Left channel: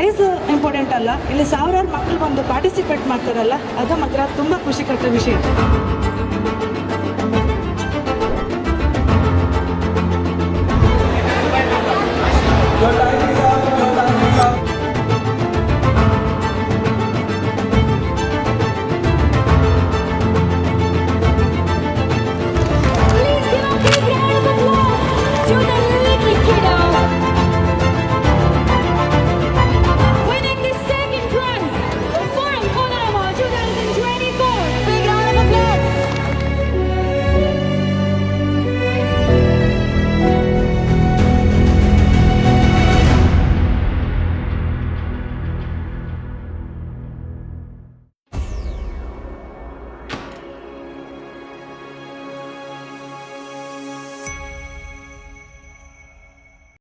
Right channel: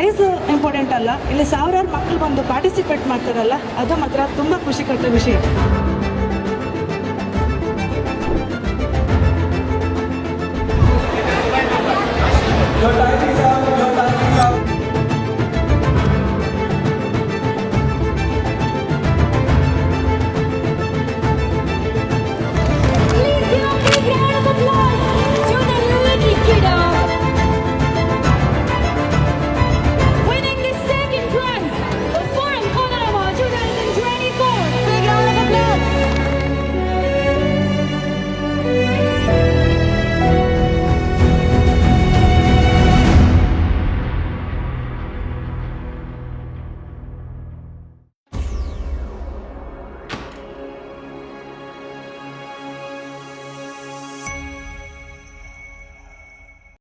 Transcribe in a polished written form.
Price important ಅಲ್ಲ, ಇಲ್ಲಿ ಸಾವಿರಾರು ಮಕ್ಕಳು ಬಂದು ಪಾರ್ಟಿಸಿಪೇಟ್ ಮಾಡ್ತಾರಲ್ಲ, ಅದು ಮಾತ್ರ ತುಂಬ ಖುಷಿ ಕೊಟ್ಟ ವಿಷಯ. Your time